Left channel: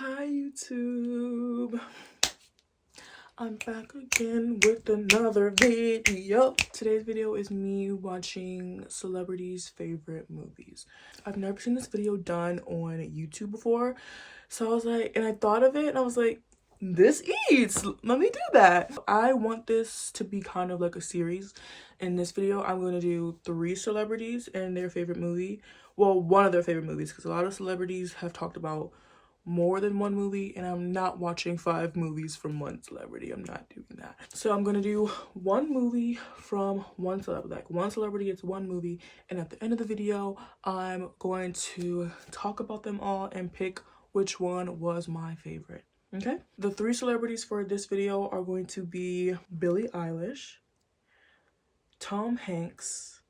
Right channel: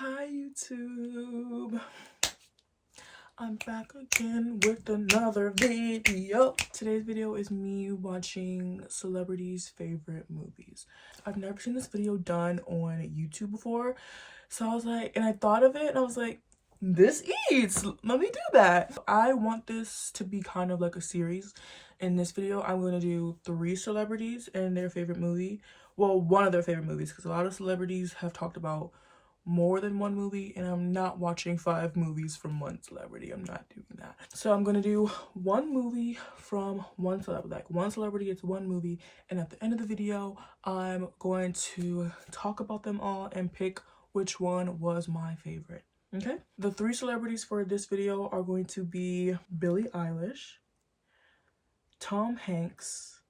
Hi YouTube, I'm back again with another video. Today's video is me watching celebrities' favorite movies. I've never seen this video done on YouTube before, so I was like, and I thought of it and I was like, this eats, let me do that. I want this to be kind of like a series. In this video I'm going to do 3 celebrities and their favorite movie, well, one of their favorite movies, because a lot of celebrities have talked about more than one movie, and I'm not watching 5 movies from one celebrity. I'm not doing that. So I'm gonna do one movie from one celebrity. Like, one celebrity gets one movie, and at the end of the video I'm going to talk about them all and pick which one was my favorite. Okay, the 3 celebrities for this video are going to be Billie Eilish, Tom Hanks,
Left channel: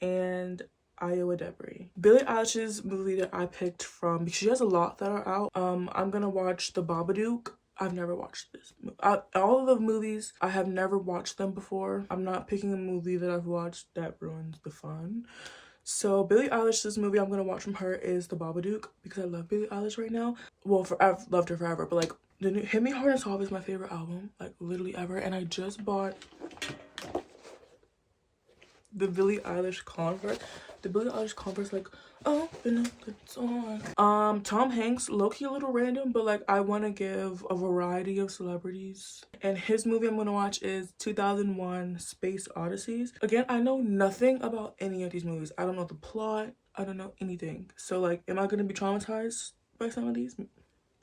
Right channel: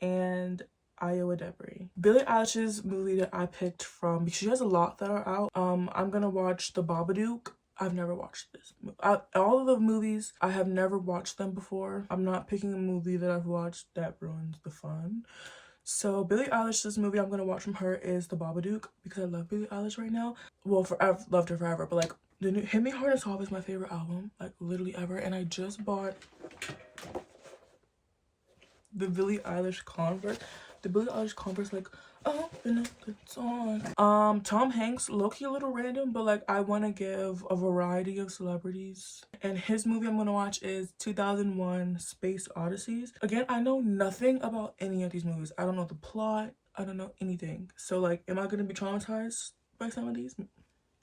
and Iowa Debris. Billie Eilish's movie that I picked from, because she has a lot that are out. I'm gonna watch The Babadook. I've never watched this. All of the movies, I have never watched them before. I'm not picking a movie that I've watched that ruins the fun. So Billie Eilish's movie I'm gonna watch from her is The Babadook, because I love Billie Eilish right now. Well, I've loved her forever, but like the new Hit Me Hard and Soft is my favorite album, like literally ever. And I just bought the Billie Eilish Converse. The Billie Eilish Converse, like, open up the door. Tom Hanks, low-key a little random, but like I want to give a variety of celebrities. And his movie I'm gonna watch is 2001 Space Odysseys. Again, I know nothing about any of these movies. I don't know the plot. I don't know anything. So like, am I gonna be traumatized by some of these?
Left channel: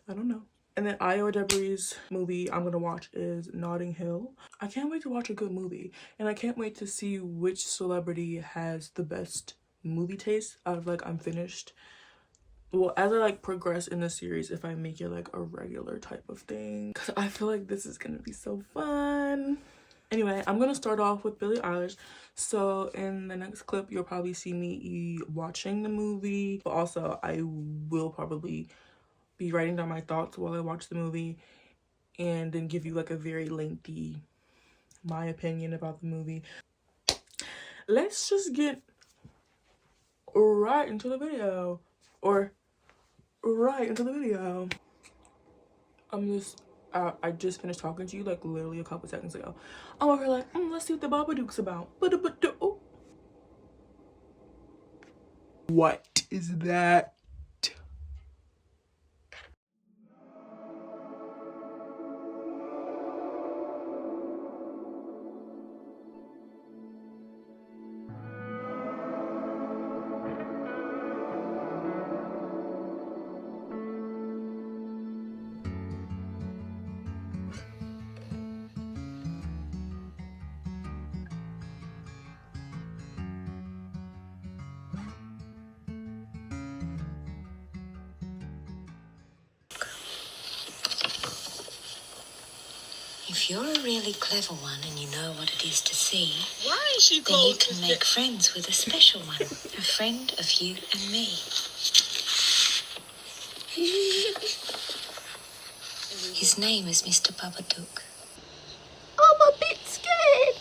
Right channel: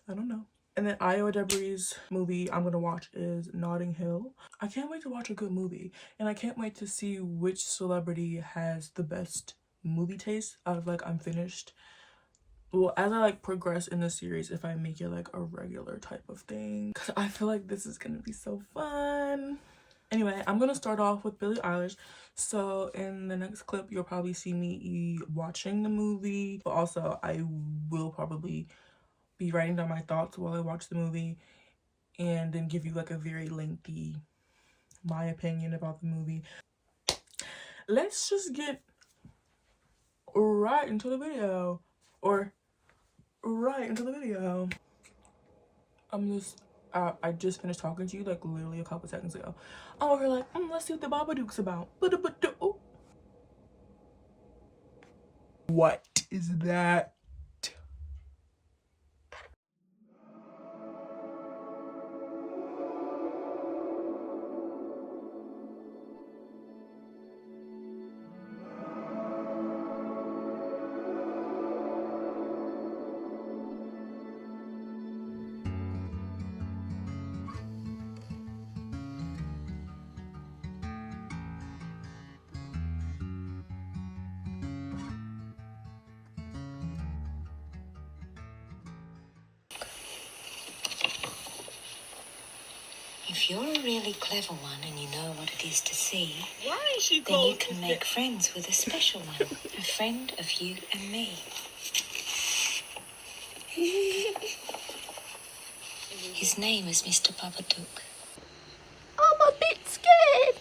I don't know. And then Iowa Debris' movie I'm gonna watch is Notting Hill. I can't wait to watch a good movie, and I can't wait to see which celebrity has the best movie taste out of like Unfinished. Well, as I like progress in the series, if I make it like a regular type of thing, because I feel like this is gonna be so fun. Anyway, I'm gonna start off with Billie Eilish. So in the next clip you'll probably see me watching the movie, but also I will probably be writing down my thoughts while I watch the movie, and then give you like a very lengthy my opinion about the movie. Let's just get right into the video, or right into the video. I just finished talking to you like literally a couple seconds ago. I'm over here like, let's see what the Babadook's about. What is that? If you're a really clever one and you know what it is to see, why is she then you can make friends with a special one, a friend of you and me. His name is Mr. Babadook. I'm a bit scared.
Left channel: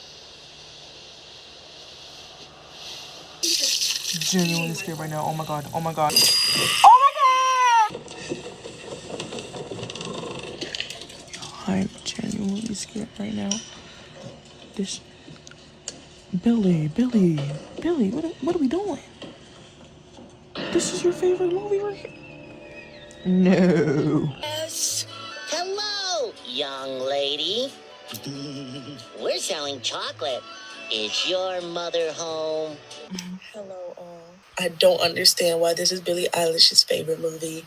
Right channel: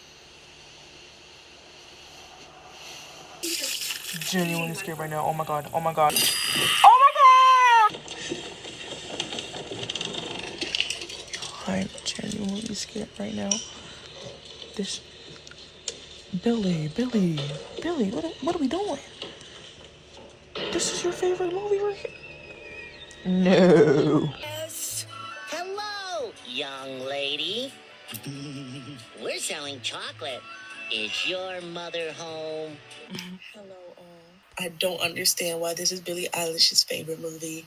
Genuinely scared right now. Oh my god. Oh my god. Oh my god! I'm genuinely scared right now. This Billy, what are we doing? This is your favorite movie right here? No. Yes. Hello, young lady. We're selling chocolate. Is your mother home? Hello, all. I don't understand why this is Billie Eilish's favorite movie.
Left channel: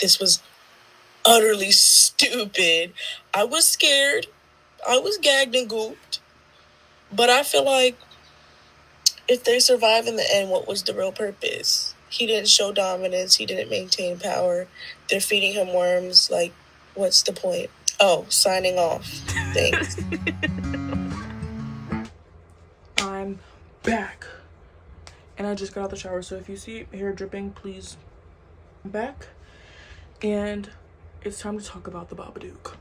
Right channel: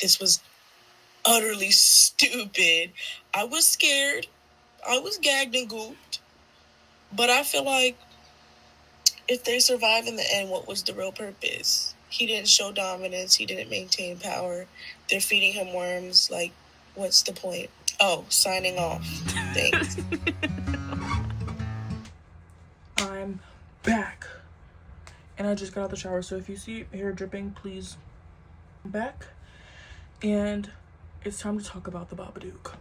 This was utterly stupid. I was scared. I was gagged and gooped. But I feel like if they survive in the end, what was the real purpose? He didn't show dominance. He didn't maintain power. They're feeding him worms. Like, what's the point? Oh, signing off. Thanks. I'm back. And I just got out the shower, so if you see hair dripping, please. I'm back. And it's time to talk about The Babadook.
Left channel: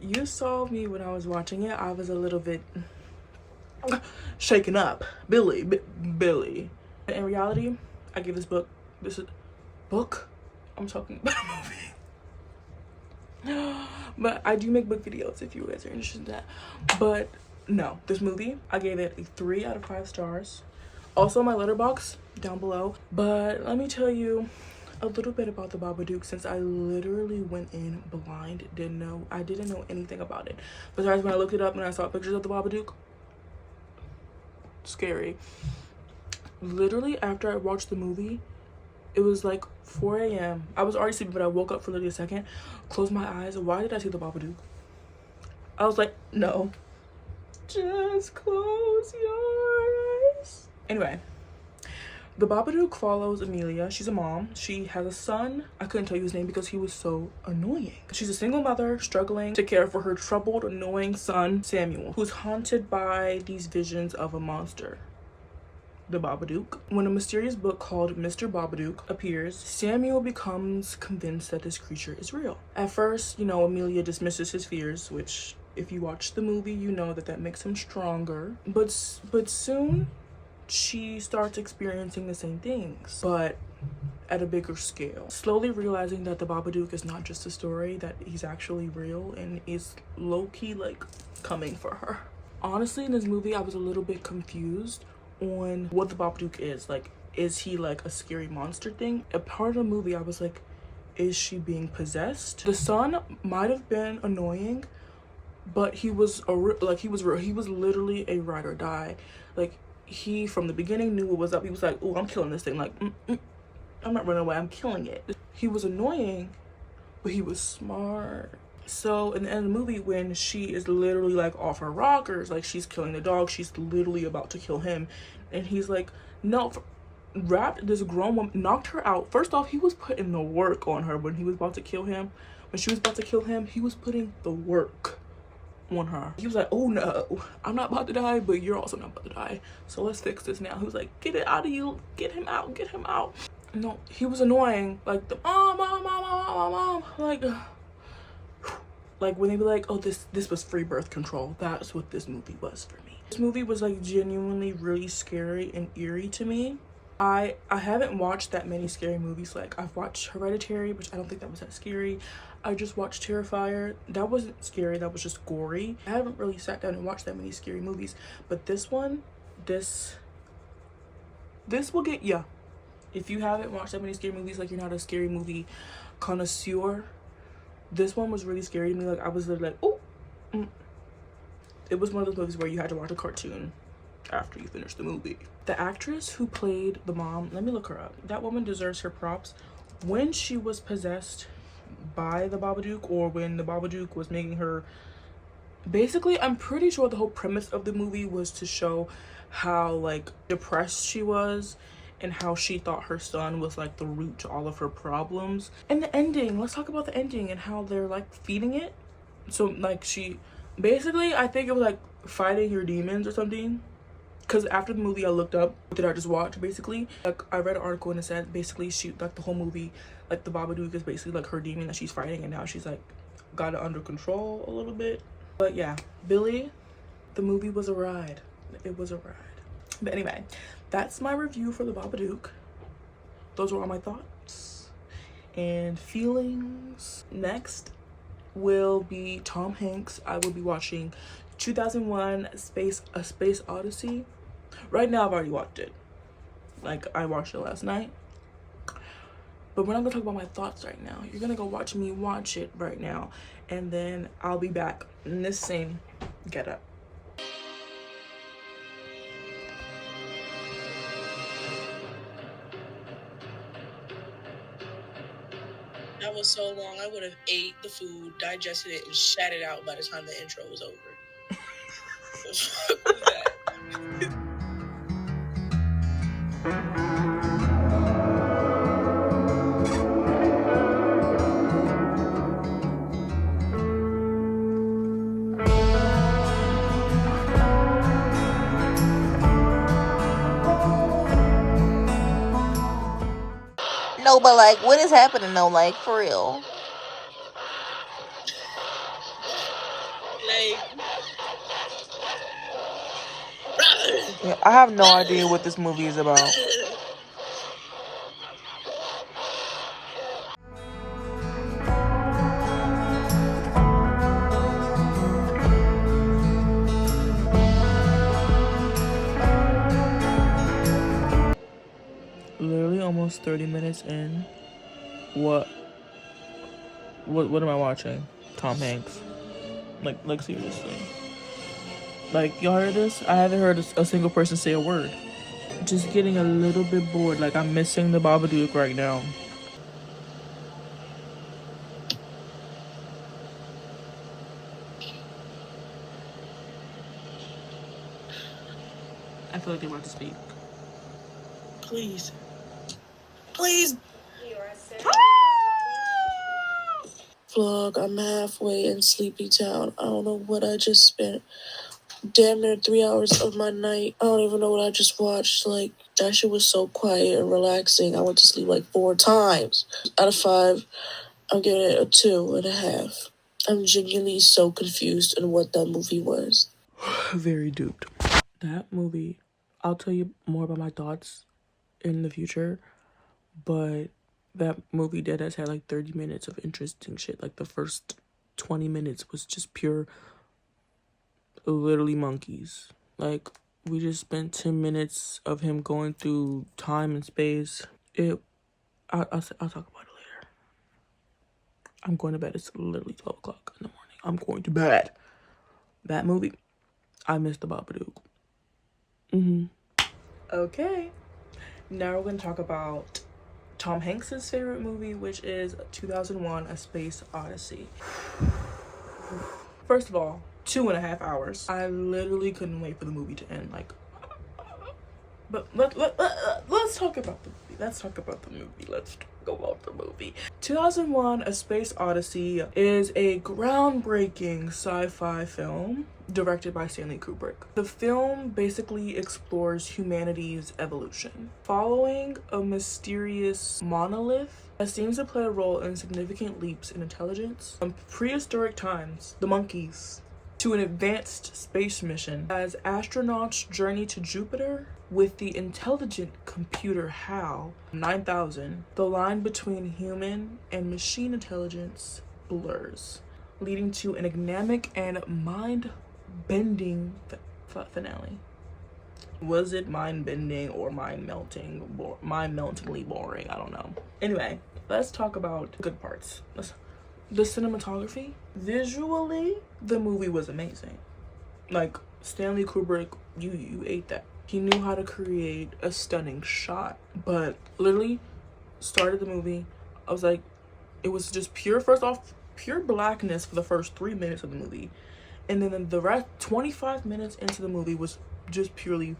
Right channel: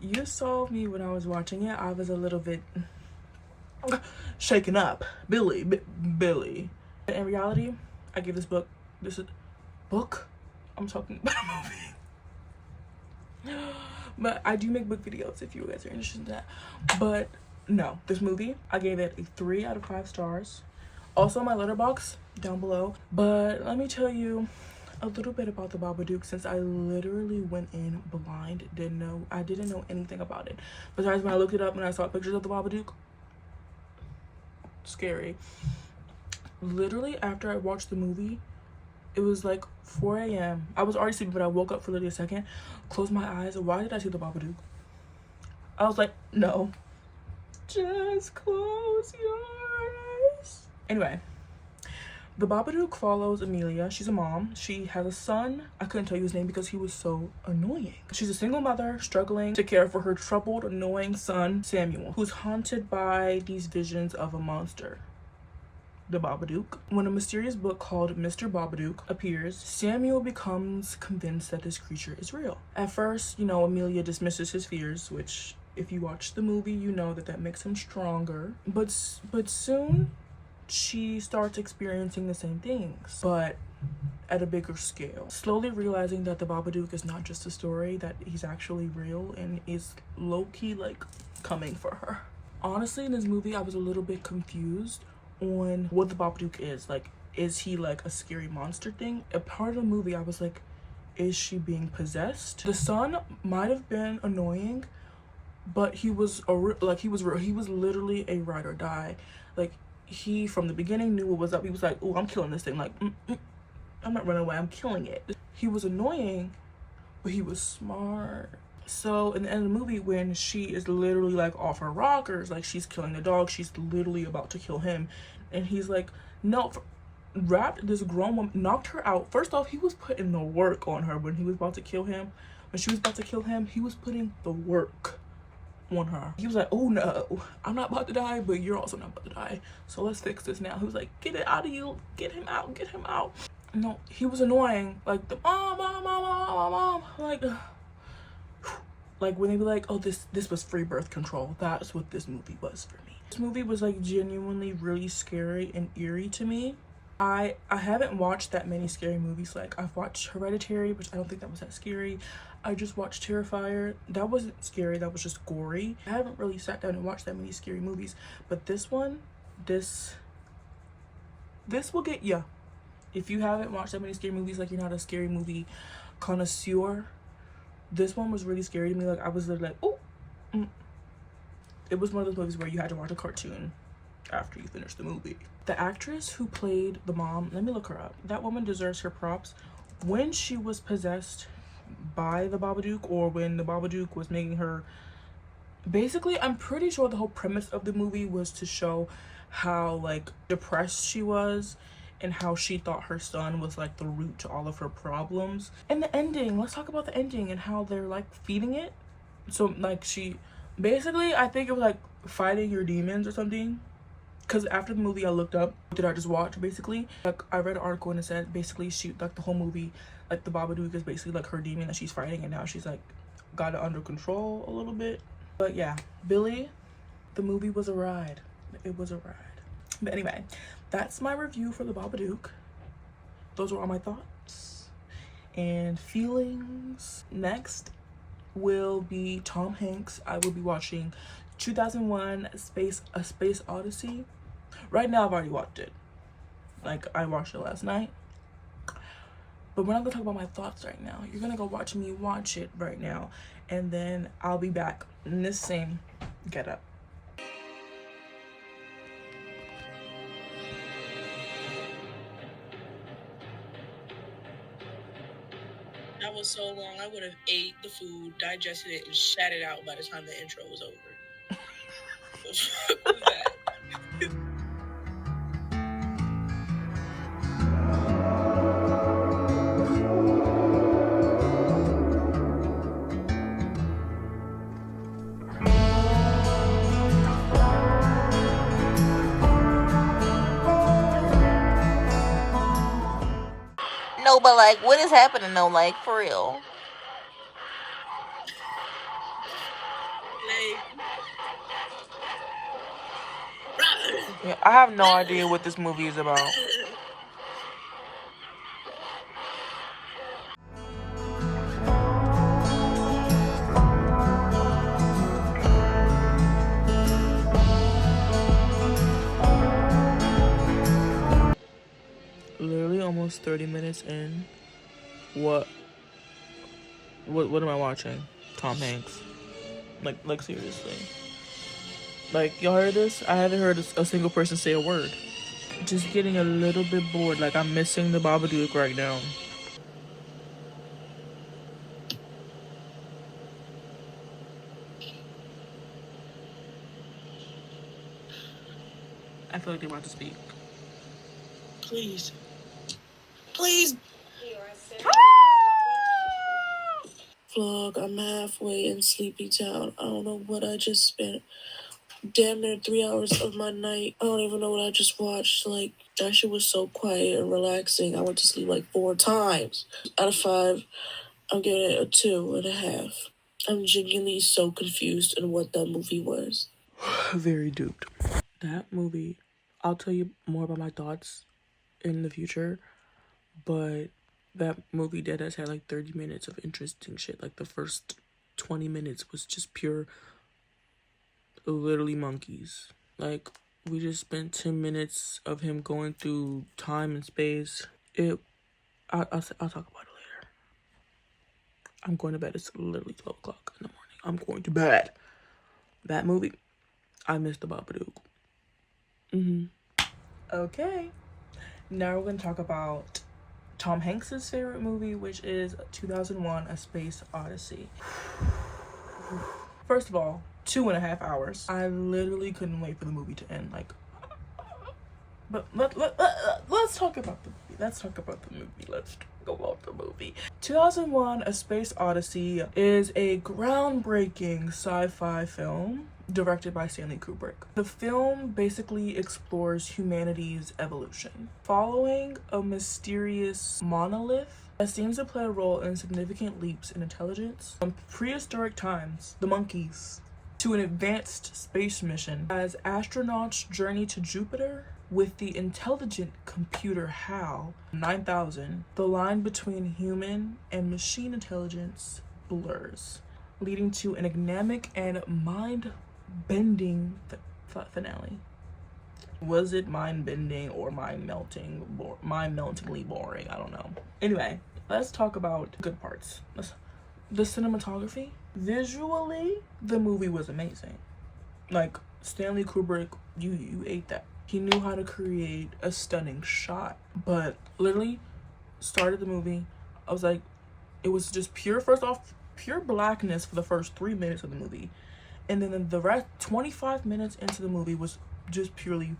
You saw me when I was watching it. I was a little bit shaken up. Billy. In reality, I give this book I'm talking about a movie. But I do make book videos if you guys are interested in that. But no, this movie, I gave it a 3 out of 5 stars. Also my letterbox down below. But let me tell you a little bit about the Babadook, since I literally went in blind. I didn't know anything about it. Besides when I looked it up and I saw pictures of the Babadook. Scary. Literally after I watched the movie, it was like 4 a.m. I was already sleeping, but I woke up for literally a second, closed my eyes. Why did I see the Babadook? I was like, no, just close your eyes. Anyway, the Babadook follows Amelia. She's a mom. She has a son. I couldn't tell you his name because he was so annoying. She's a single mother struggling to care for her troubled, annoying son, Samuel, who's haunted by these visions of a monster, the Babadook. When a mysterious book called Mr. Babadook appears, Samuel becomes convinced that this creature is real. At first, you know, Amelia dismisses his fears, which if you watch the movie, you know that makes him stronger. But soon she starts experiencing the same things, but at a bigger scale. Slowly realizing that the Babadook is not just a story, that he's actually real and is low-key like coming for her. Honestly, in this movie, I was a little bit confused on what the Babadook is. Like, is he like a scary monster thing? A part of the movie I was like, is she being possessed? The son might have been annoying, but he was he was literally a ride or die. Like, he from the beginning knew what was up. He was like, oh, I'm killing this thing. Like, I'm not running away, I'm killing it. He was annoying, but he was smart. So in the end of the movie, when she is literally like off her rockers, like she's killing the dog, she's literally about to kill him, and he's like, no, wrapped this grown woman, knocked her out. First off, he was putting the work on her when he was about to kill him. When she was about to kill him, he was putting the work on her. He was like, oh no, I'm not about to die, but you're also not about to die, so let's fix this now. He was like, get it out of you, get him out, get him out. No, he was annoying. Like the mom, like when they be like, oh, this was free birth control. That's what this movie was for me. This movie was like genuinely really scary and eerie to me. I haven't watched that many scary movies. Like, I've watched Hereditary, which I don't think that was that scary. I just watched Terrifier. That wasn't scary, that was just gory. I haven't really sat down and watched that many scary movies, but this one, this will get ya. If you haven't watched that many scary movies, like you're not a scary movie connoisseur, this one was really scary to me. Like, I was literally like, oh. It was one of those movies where you had to watch a cartoon after you finish the movie. The actress who played the mom, let me look her up. That woman deserves her props. When she was possessed by the Babadook, or when the Babadook was making her, basically, I'm pretty sure the whole premise of the movie was to show how like depressed she was and how she thought her son was like the root to all of her problems. And the ending, let's talk about the ending and how they're like feeding it. So like she basically, I think it was like fighting your demons or something. Because after the movie I looked up, what did I just watch basically? Like, I read an article and it said basically she, like the whole movie, like the Babadook is basically like her demon that she's fighting, and now she's like got it under control a little bit. But yeah, Billy, the movie was a ride. It was a ride. But anyway, that's my review for the Babadook. Those were all my thoughts and feelings. Next will be Tom Hanks. I will be watching 2001 A Space Odyssey. Right now I've already watched it. Like, I watched it last night. But we're not gonna talk about my thoughts right now. You're gonna go watch me watch it right now, and then I'll be back in this same getup. That was so long. I would have ate the food, digested it, and shat it out by the time the intro was over. What was that? No, but like, what is happening though? Like, for real. Like, Yeah, I have no idea what this movie is about. 30 minutes in, what am I watching? Tom Hanks. Like seriously. Like, y'all heard this? I haven't heard a single person say a word. Just getting a little bit bored. Like, I'm missing the Babadook right now. I feel like they're about to speak. Please. Please. Vlog, I'm halfway in Sleepy Town. I don't know what I just spent. Damn near 3 hours of my night. I don't even know what I just watched. Like, that shit was so quiet and relaxing. I went to sleep like 4 times. Out of 5, I'm giving it a 2.5. I'm genuinely so confused in what that movie was. Very duped. That movie, I'll tell you more about my thoughts in the future, but that movie dead ass had like 30 minutes of interesting shit. Like, the first 20 minutes was just pure, literally monkeys. Like, we just spent 10 minutes of him going through time and space. I'll talk about it later. I'm going to bed. It's literally 12 o'clock in the morning. I'm going to bed. That movie, I missed the Babadook. Okay. Now we're going to talk about Tom Hanks's favorite movie, which is 2001: A Space Odyssey. First of all, 2.5 hours. I literally couldn't wait for the movie to end. Like, but let's talk about the movie. Let's talk about the movie. Let's go about the movie. 2001: A Space Odyssey is a groundbreaking sci-fi film directed by Stanley Kubrick. The film basically explores humanity's evolution, following a mysterious monolith that seems to play a role in significant leaps in intelligence from prehistoric times, the monkeys, to an advanced space mission. As astronauts journey to Jupiter with the intelligent computer HAL 9000, the line between human and machine intelligence blurs, leading to an enigmatic and mind-bending finale. Was it mind-bending or mind-meltingly boring? I don't know. Anyway, let's talk about good parts. The cinematography. Visually, the movie was amazing. Like, Stanley Kubrick, you ate that. He knew how to create a stunning shot. But literally, started the movie, I was like, it was just pure blackness for the first 3 minutes of the movie. And then the rest, 25 minutes into the movie, was just purely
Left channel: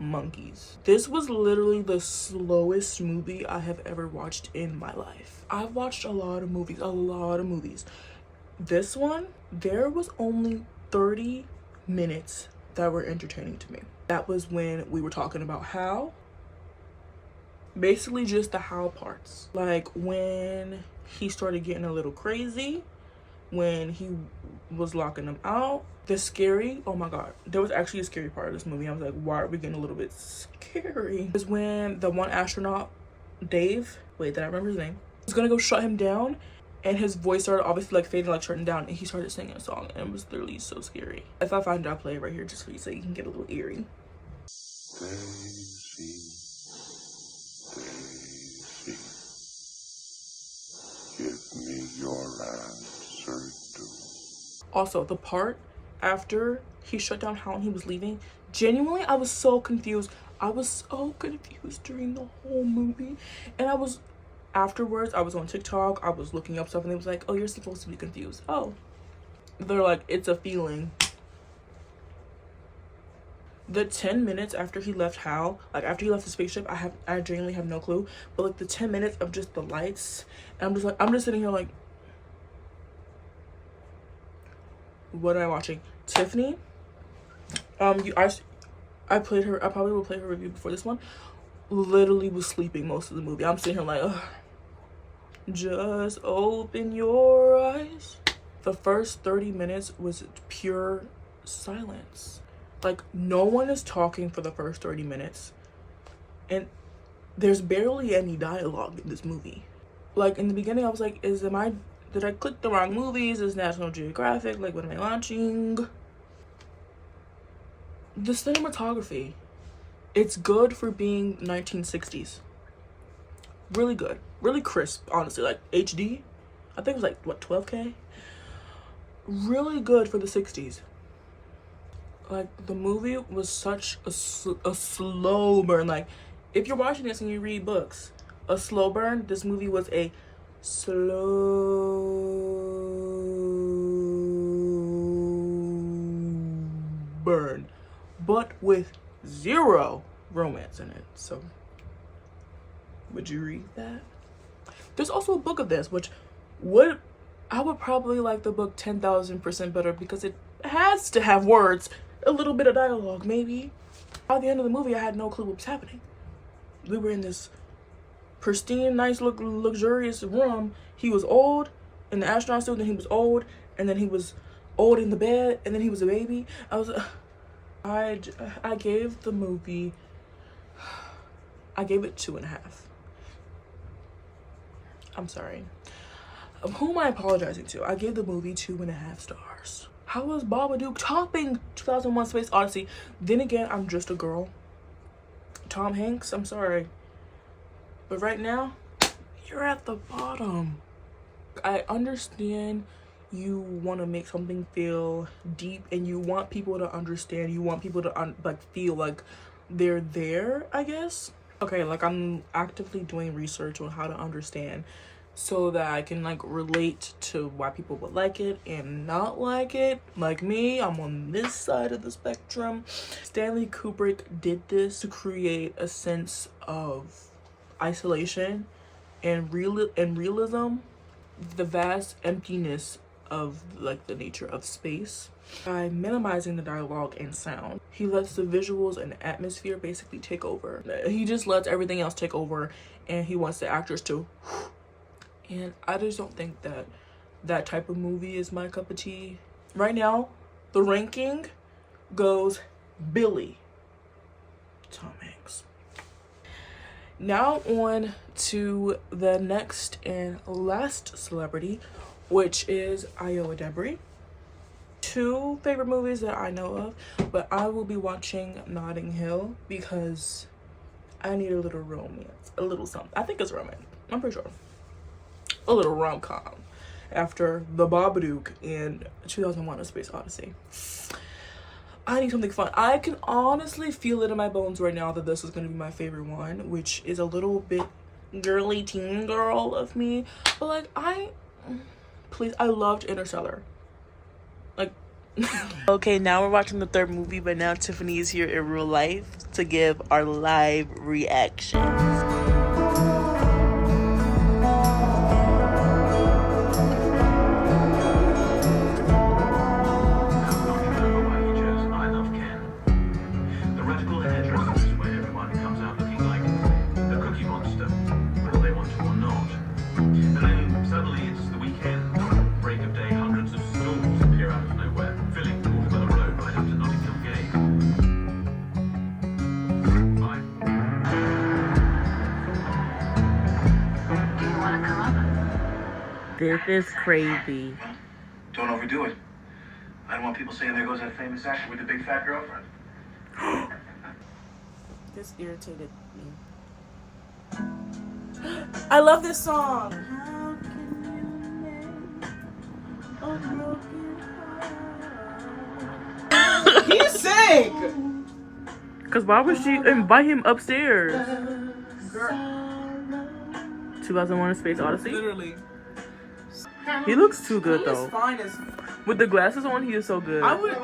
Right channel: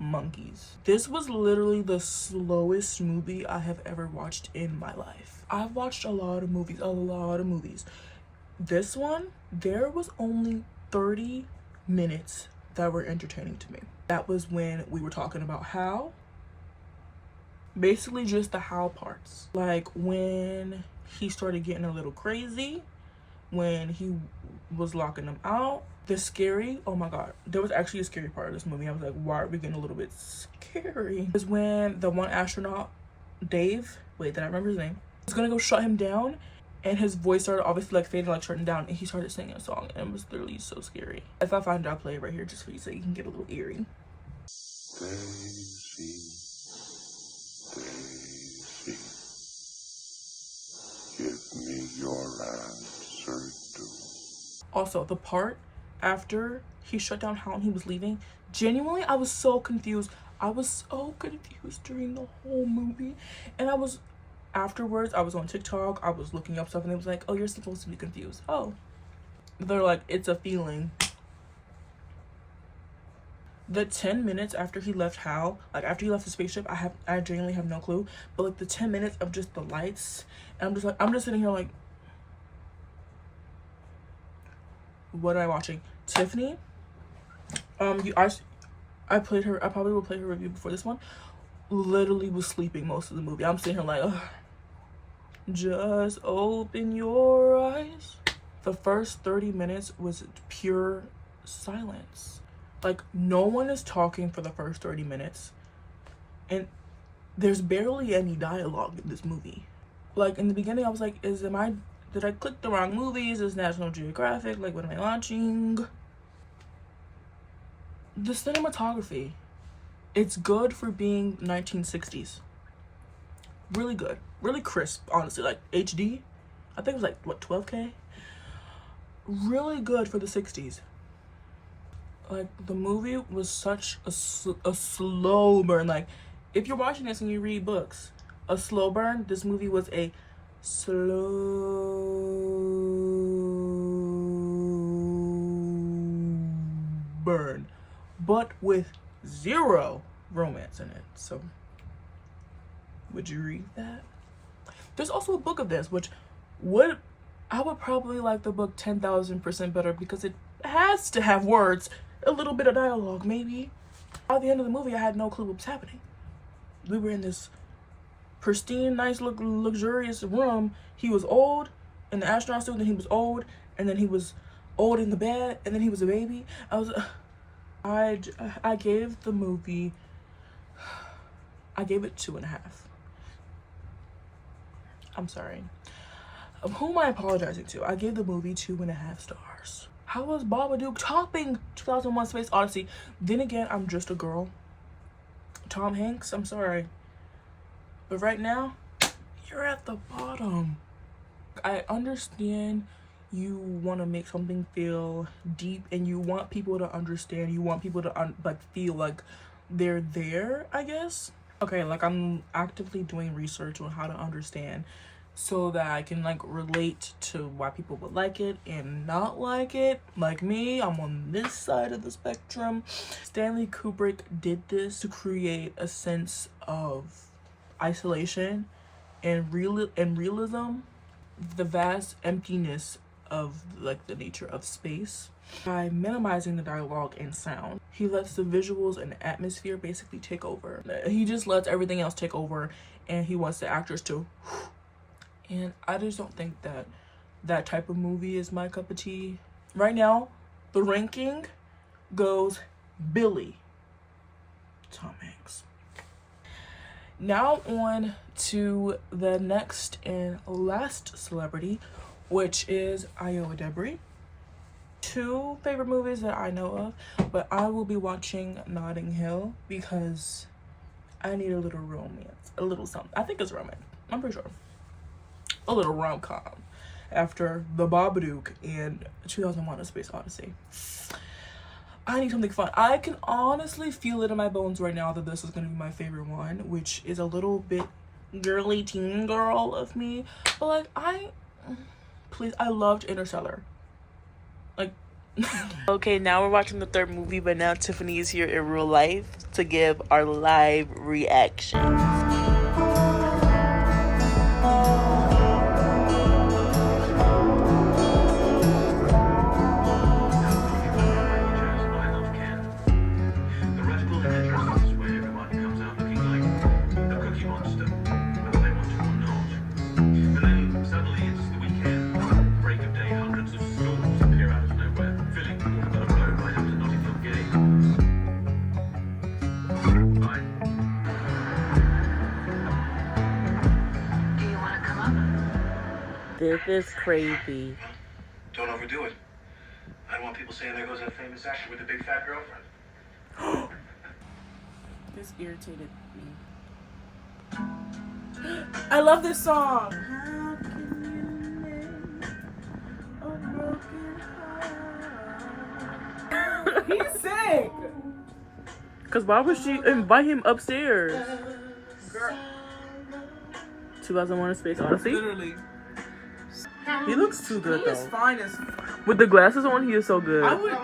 monkeys. This was literally the slowest movie I have ever watched in my life. I've watched a lot of movies. This one, there was only 30 minutes that were entertaining to me. That was when we were talking about how, basically just the how parts. Like, when he started getting a little crazy, when he was locking them out, the scary, oh my god, there was actually a scary part of this movie. I was like, why are we getting a little bit scary? Is when the one astronaut, Dave, wait, did I remember his name? He was gonna go shut him down, and his voice started obviously like fading, like shutting down, and he started singing a song, and it was literally so scary. If I find it, I'll play it right here just for you so you can get a little eerie. Daisy, Daisy, give me your answer too. Also, the part after he shut down Hal and he was leaving, genuinely, I was so confused. I was so confused during the whole movie. And afterwards, I was on TikTok, I was looking up stuff, and it was like, oh, you're supposed to be confused. Oh. They're like, it's a feeling. The 10 minutes after he left Hal, like after he left the spaceship, I genuinely have no clue. But like the 10 minutes of just the lights, and I'm just sitting here like, what am I watching? Tiffany, I probably will play her review before this one, literally was sleeping most of the movie. I'm sitting here like, ugh, just open your eyes. The first 30 minutes was pure silence. Like, no one is talking for the first 30 minutes, and there's barely any dialogue in this movie. Like, in the beginning, I was like, did I click the wrong movies? Is National Geographic? Like, what am I watching? The cinematography, it's good for being 1960s. Really good, really crisp, honestly, like HD. I think it was like what, 12K. Really good for the 60s. Like, the movie was such a slow burn. Like, if you're watching this and you read books, a slow burn, this movie was a slow burn, but with zero romance in it. So would you read that? There's also a book of this, which I would probably like the book 10,000% better, because it has to have words, a little bit of dialogue, maybe. By the end of the movie, I had no clue what was happening. We were in this pristine, nice, luxurious room. He was old in the astronaut suit, and then he was old, and then he was old in the bed, and then he was a baby. I gave the movie, I gave it 2.5. I'm sorry. Who am I apologizing to? I gave the movie 2.5 stars. How was Babadook topping 2001 Space Odyssey? Then again, I'm just a girl. Tom Hanks, I'm sorry. But right now, you're at the bottom. I understand you want to make something feel deep, and you want people to understand. You want people to like feel like they're there, I guess. Okay, like, I'm actively doing research on how to understand, so that I can like relate to why people would like it and not like it. Like me, I'm on this side of the spectrum. Stanley Kubrick did this to create a sense of isolation and realism, the vast emptiness of like the nature of space. By minimizing the dialogue and sound, he lets the visuals and atmosphere basically take over. He just lets everything else take over, and he wants the actors to and I just don't think that that type of movie is my cup of tea. Right now, the ranking goes Billy, Tom Hanks. Now on to the next and last celebrity, which is Iowa Debris. 2 favorite movies that I know of, but I will be watching Notting Hill because I need a little romance, a little something. I think it's romance, I'm pretty sure. A little rom-com after The Babadook and 2001 A Space Odyssey. I need something fun. I can honestly feel it in my bones right now that this is going to be my favorite one, which is a little bit girly teen girl of me. But like, I loved Interstellar. Like, okay, now we're watching the 3rd movie, but now Tiffany is here in real life to give our live reaction. This is crazy. Don't overdo it. I don't want people saying there goes that famous actor with the big fat girlfriend. This irritated me. I love this song. He sang. Cause why would she invite him upstairs? Girl. 2001: A Space Odyssey. Literally. He looks too good though. Fine as... With the glasses on, he is so good. I would.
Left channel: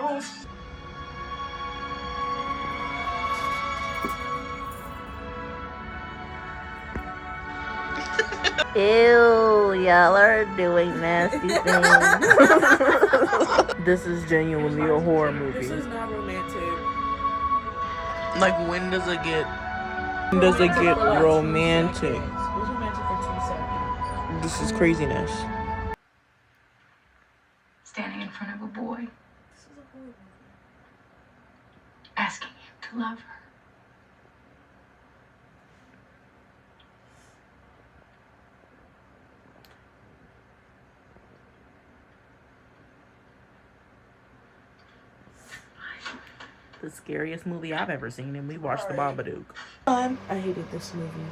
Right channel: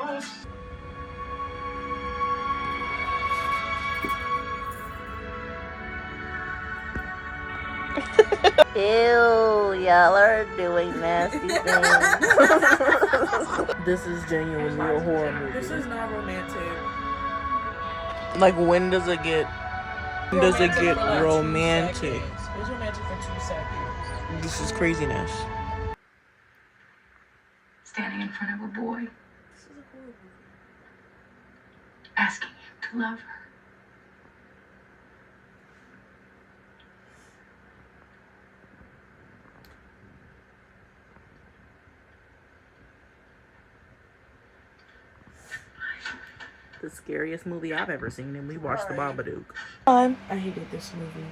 Ew, y'all are doing nasty things. This is genuinely a horror movie. This is not romantic. Like, when does it get romantic? It was romantic for 2 seconds. This is craziness. Standing in front of a boy, asking him to love her. The scariest movie I've ever seen, and we watched The Babadook. I hated this movie.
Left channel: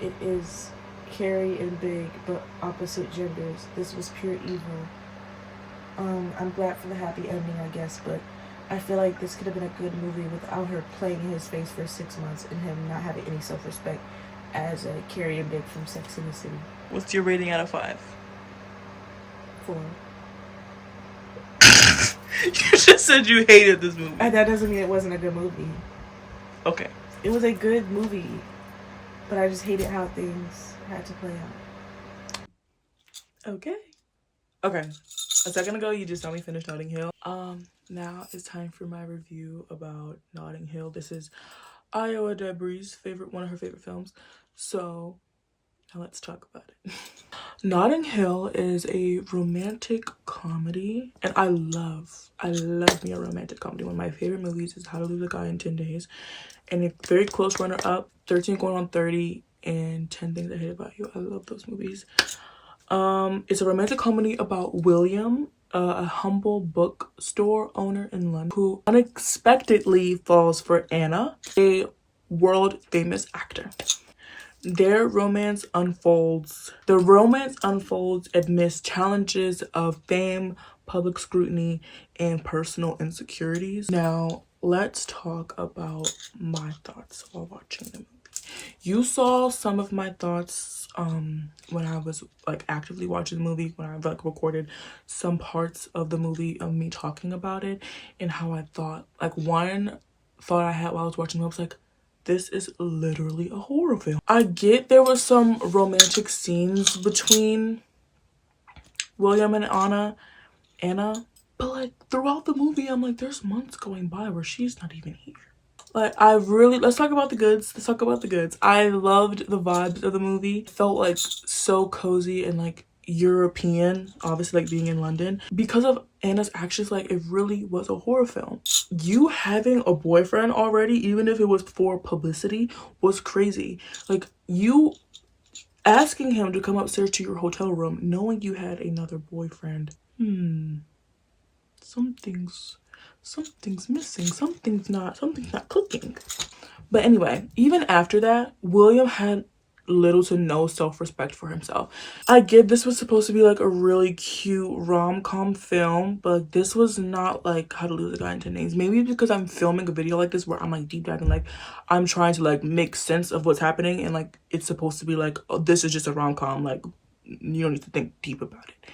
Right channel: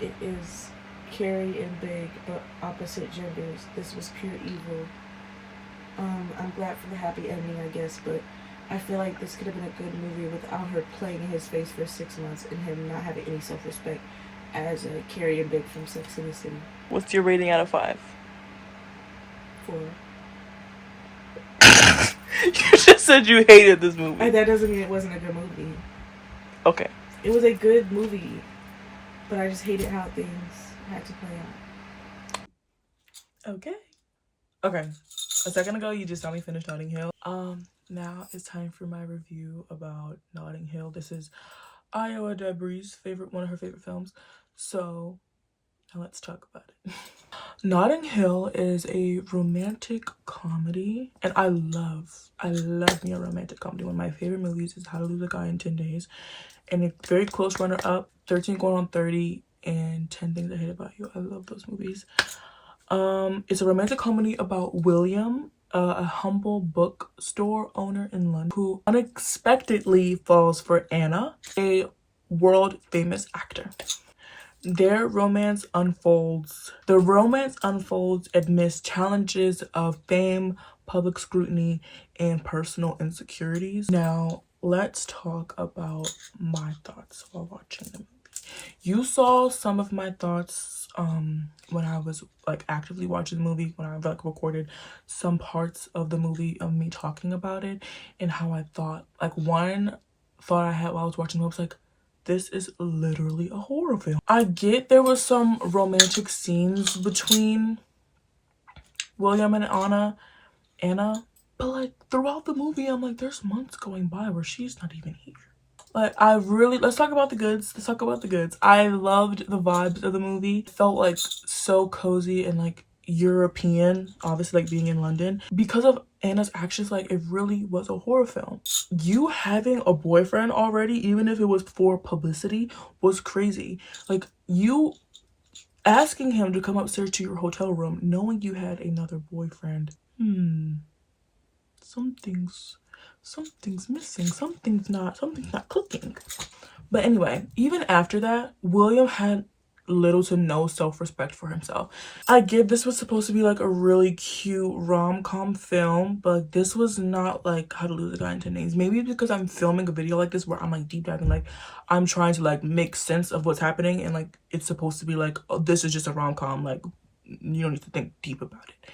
it is Carrie and Big, but opposite genders. This was pure evil. I'm glad for the happy ending, I guess, but I feel like this could have been a good movie without her playing his face for 6 months and him not having any self-respect as a Carrie and Big from Sex and the City. What's your rating out of 5? 4. You just said you hated this movie. And that doesn't mean it wasn't a good movie. Okay. It was a good movie, but I just hated how things had to play out. Okay. Okay. A second ago, you just saw me finish Notting Hill. Now it's time for my review about Notting Hill. This is Iowa Debris' one of her favorite films. So now let's talk about it. Notting Hill is a romantic comedy, and I love me a romantic comedy. One of my favorite movies is How to Lose a Guy in 10 Days, and a very close runner-up, 13 Going on 30, and 10 Things I Hate About You. I love those movies. It's a romantic comedy about William, a humble bookstore owner in London, who unexpectedly falls for Anna, a world-famous actor. The romance unfolds amidst challenges of fame, public scrutiny, and personal insecurities. Now, let's talk about my thoughts while watching the movie. You saw some of my thoughts when I was like actively watching the movie, when I like recorded some parts of the movie of me talking about it and how I thought. Like, one thought I had while I was watching the movie was like, this is literally a horror film. I get there was some romantic scenes between William and Anna, but like throughout the movie, I'm like, there's months going by where she's not even here. Like, let's talk about the goods. I loved the vibes of the movie. It felt like so cozy and like European, obviously like being in London. Because of Anna's actions, like it really was a horror film. You having a boyfriend already, even if it was for publicity, was crazy. Like, you asking him to come upstairs to your hotel room knowing you had another boyfriend. Something's missing. Something's not clicking. But anyway, even after that, William had little to no self-respect for himself. I get this was supposed to be like a really cute rom-com film, but like, this was not like How to Lose a Guy in 10 Days. Maybe it's because I'm filming a video like this where I'm like deep diving, like I'm trying to like make sense of what's happening, and like it's supposed to be like, oh, this is just a rom-com, like you don't need to think deep about it.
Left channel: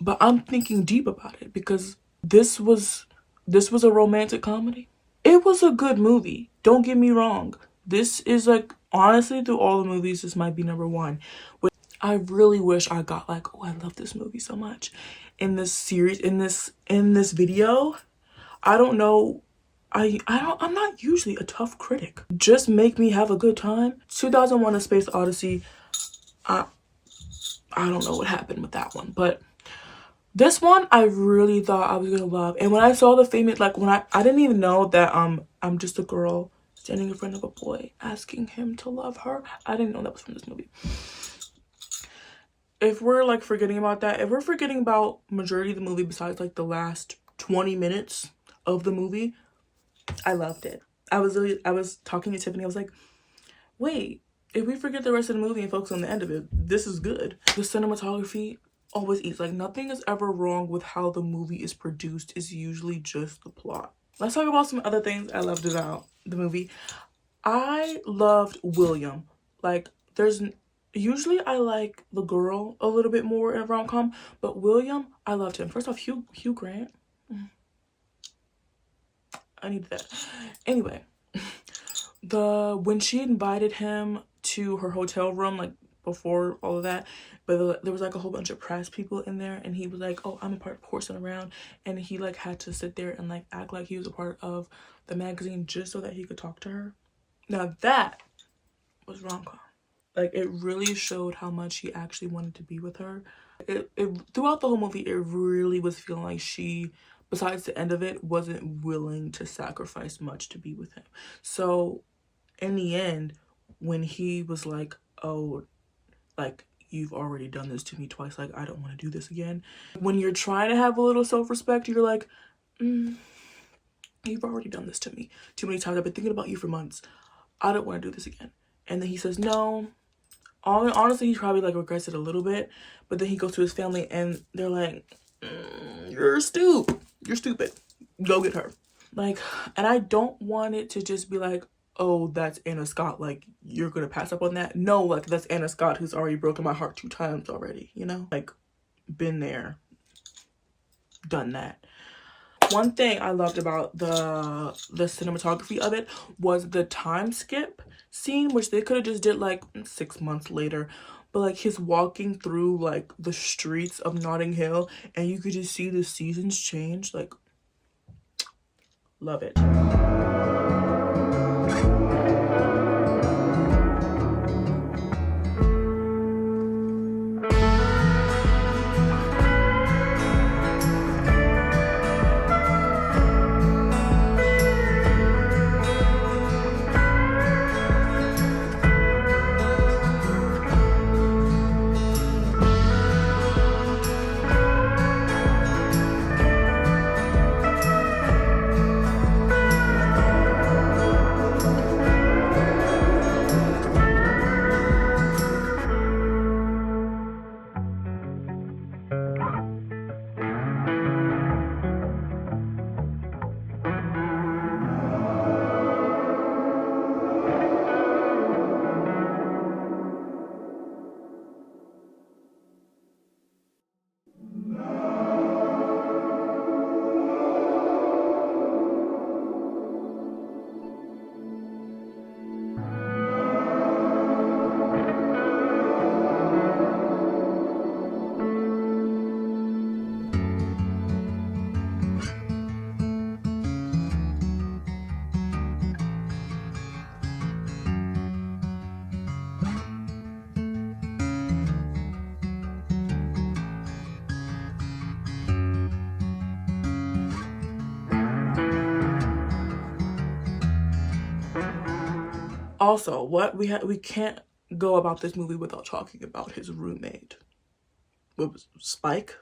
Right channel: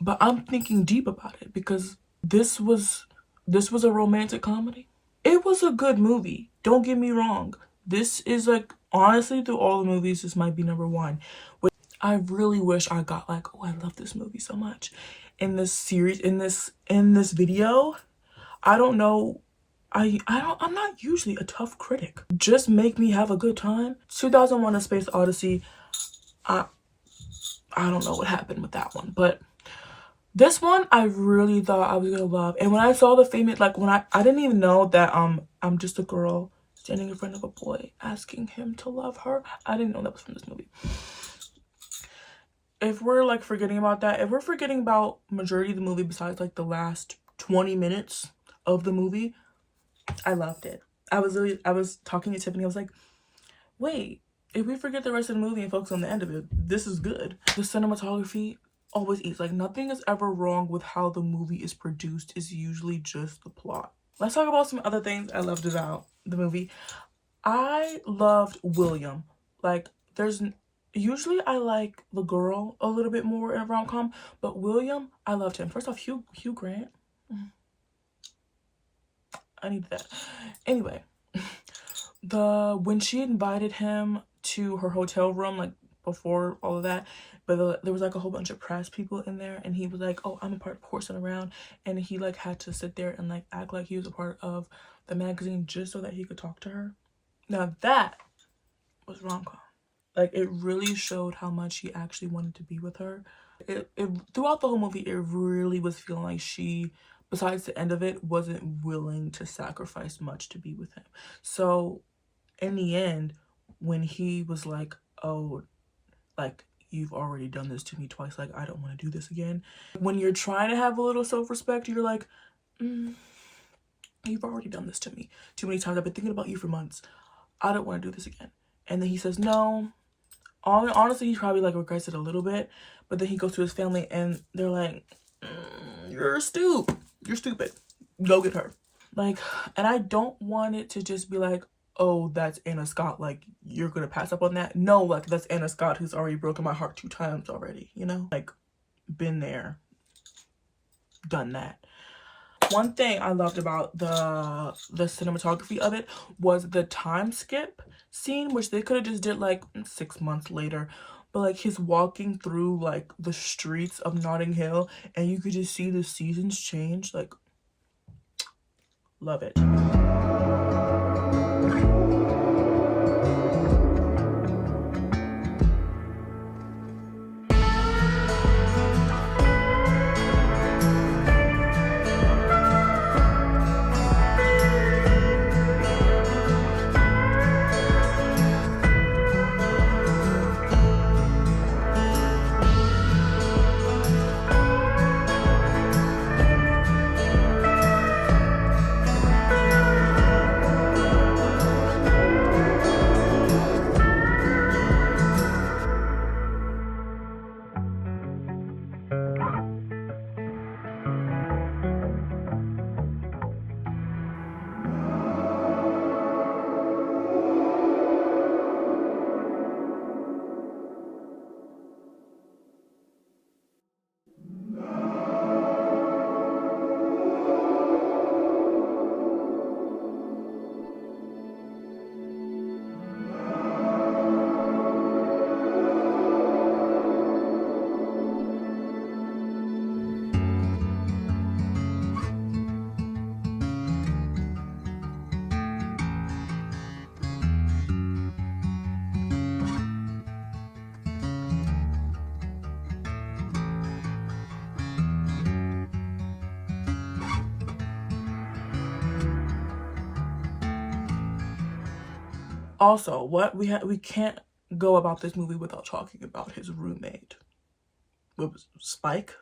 But I'm thinking deep about it because this was a romantic comedy. It was a good movie. Don't get me wrong. This is like, honestly, through all the movies, this might be number 1. But I really wish I got like, oh, I love this movie so much. In this series, in this video, I don't know. I'm not usually a tough critic. Just make me have a good time. 2001: A Space Odyssey. I don't know what happened with that one, but this one I really thought I was gonna love. And when I saw the famous, like when I didn't even know that I'm just a girl standing in front of a boy asking him to love her. I didn't know that was from this movie. If we're like forgetting about that, if we're forgetting about majority of the movie besides like the last 20 minutes of the movie, I loved it. I was talking to Tiffany, I was like, wait, if we forget the rest of the movie and focus on the end of it, this is good. The cinematography always eats. Like, nothing is ever wrong with how the movie is produced. It's usually just the plot. Let's talk about some other things I loved about the movie. I loved William. Like, usually I like the girl a little bit more in a rom-com, but William, I loved him. First off, Hugh Grant. I needed that. Anyway, when she invited him to her hotel room, like before all of that, but there was like a whole bunch of press people in there, and he was like, oh, I'm a part of Horsing Around, and he like had to sit there and like act like he was a part of the magazine just so that he could talk to her. Now that was rom-com. Like, it really showed how much he actually wanted to be with her. It throughout the whole movie, it really was feeling like she, besides the end of it, wasn't willing to sacrifice much to be with him. So in the end, when he was like, oh, like, you've already done this to me twice, like, I don't want to do this again. When you're trying to have a little self-respect, you're like, you've already done this to me too many times. I've been thinking about you for months. I don't want to do this again. And then he says no. Honestly, he probably like regrets it a little bit, but then he goes to his family and they're like, you're stupid, go get her. Like, and I don't want it to just be like, oh, that's Anna Scott, like you're gonna pass up on that. No, like that's Anna Scott who's already broken my heart 2 times already, you know, like been there, done that. One thing I loved about the cinematography of it was the time skip scene, which they could have just did like 6 months later, but like his walking through like the streets of Notting Hill and you could just see the seasons change. Like, love it. Also, we can't go about this movie without talking about his roommate. What was Spike?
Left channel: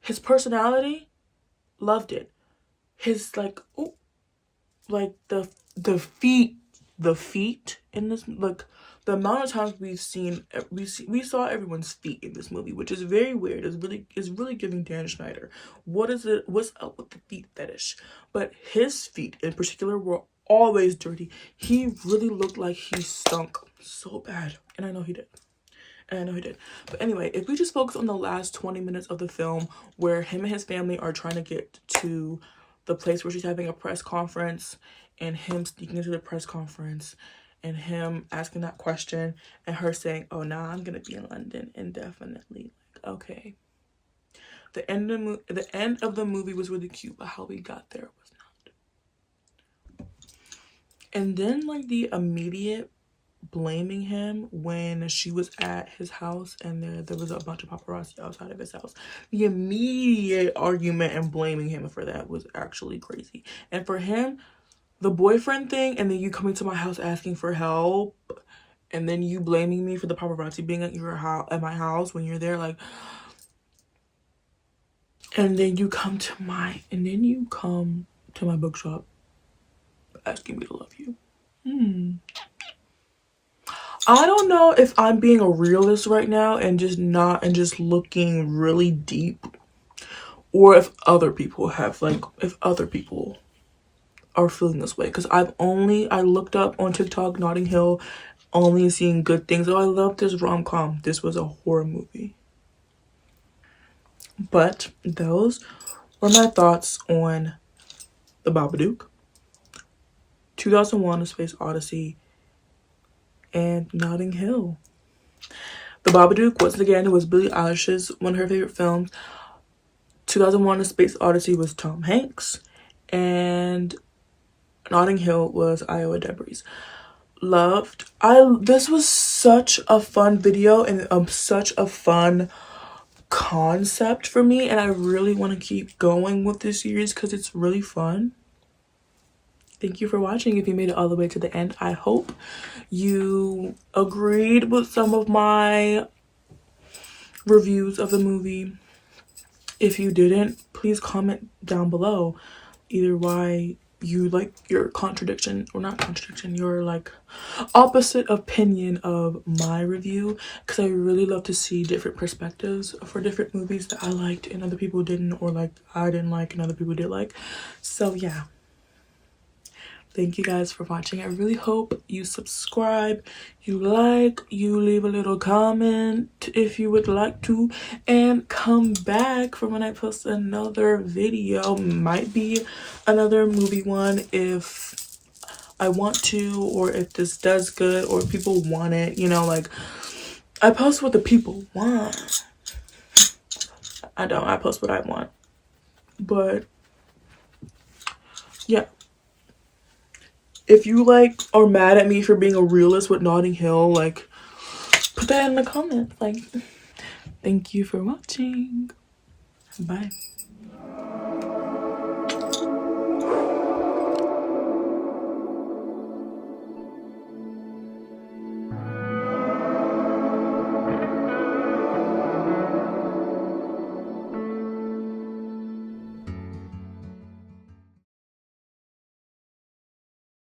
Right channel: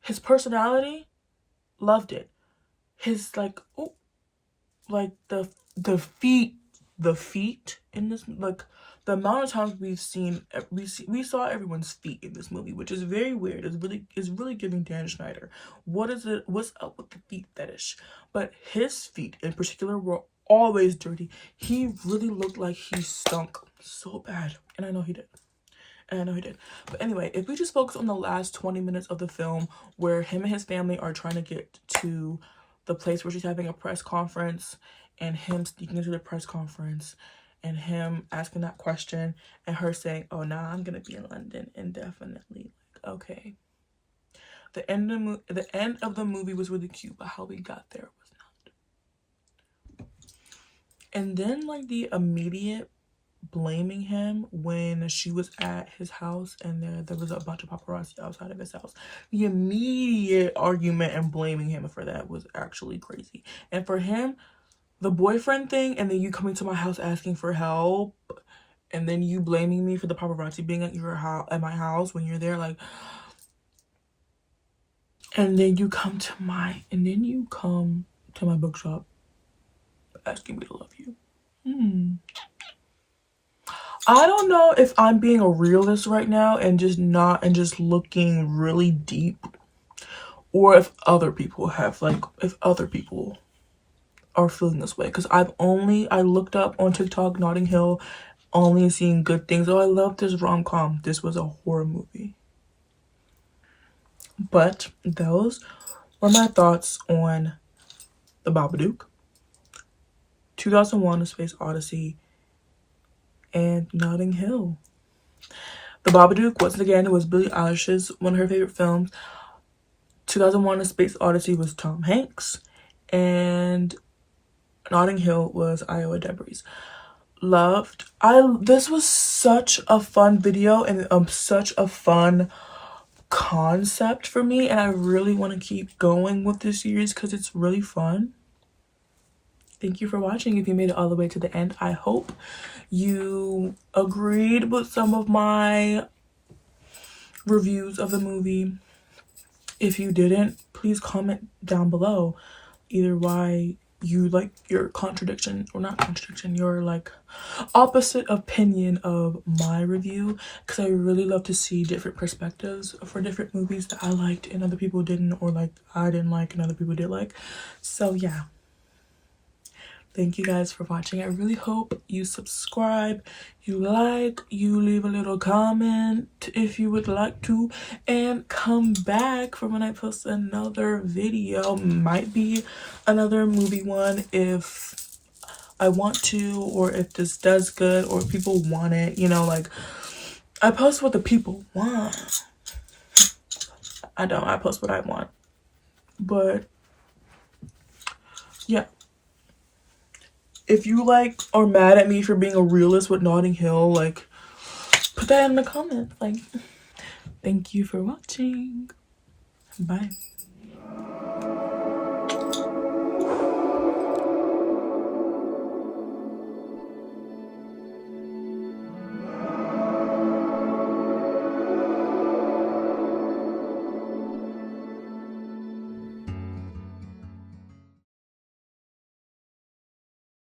His personality, loved it. His like, oh, like the feet in this, like the amount of times we saw everyone's feet in this movie, which is very weird. It's really giving Dan Schneider. What's up with the feet fetish? But his feet in particular were always dirty. He really looked like he stunk so bad, and I know he did. But anyway, if we just focus on the last 20 minutes of the film where him and his family are trying to get to the place where she's having a press conference and him sneaking into the press conference and him asking that question and her saying, oh, nah, I'm going to be in London indefinitely. Like, okay. The end of the movie was really cute, but how we got there was not. And then like the immediate blaming him when she was at his house and there was a bunch of paparazzi outside of his house. The immediate argument and blaming him for that was actually crazy. And for him, the boyfriend thing, and then you coming to my house asking for help, and then you blaming me for the paparazzi being at my house when you're there, like, and then you come to my bookshop asking me to love you. I don't know if I'm being a realist right now and just looking really deep, or if other people are feeling this way, because I looked up on TikTok Notting Hill, only seeing good things. Oh, I love this rom-com. This was a horror movie. But those were my thoughts on The Babadook, 2001: A Space Odyssey, and Notting Hill. The Babadook, once again, it was Billie Eilish's one of her favorite films. 2001: A Space Odyssey was Tom Hanks, and Notting Hill was Iowa Debris. This was such a fun video and such a fun concept for me, and I really want to keep going with this series because it's really fun. Thank you for watching. If you made it all the way to the end, I hope you agreed with some of my reviews of the movie. If you didn't, please comment down below either why you like your contradiction, or not contradiction, your like opposite opinion of my review, because I really love to see different perspectives for different movies that I liked and other people didn't, or like I didn't like and other people did like. So yeah, thank you guys for watching. I really hope you subscribe, you like, you leave a little comment if you would like to, and come back for when I post another video. Might be another movie one if I want to, or if this does good, or if people want it, you know, like I post what the people want. I post what I want. But yeah, if you like are mad at me for being a realist with Notting Hill, like put that in the comments. Like, thank you for watching. Bye.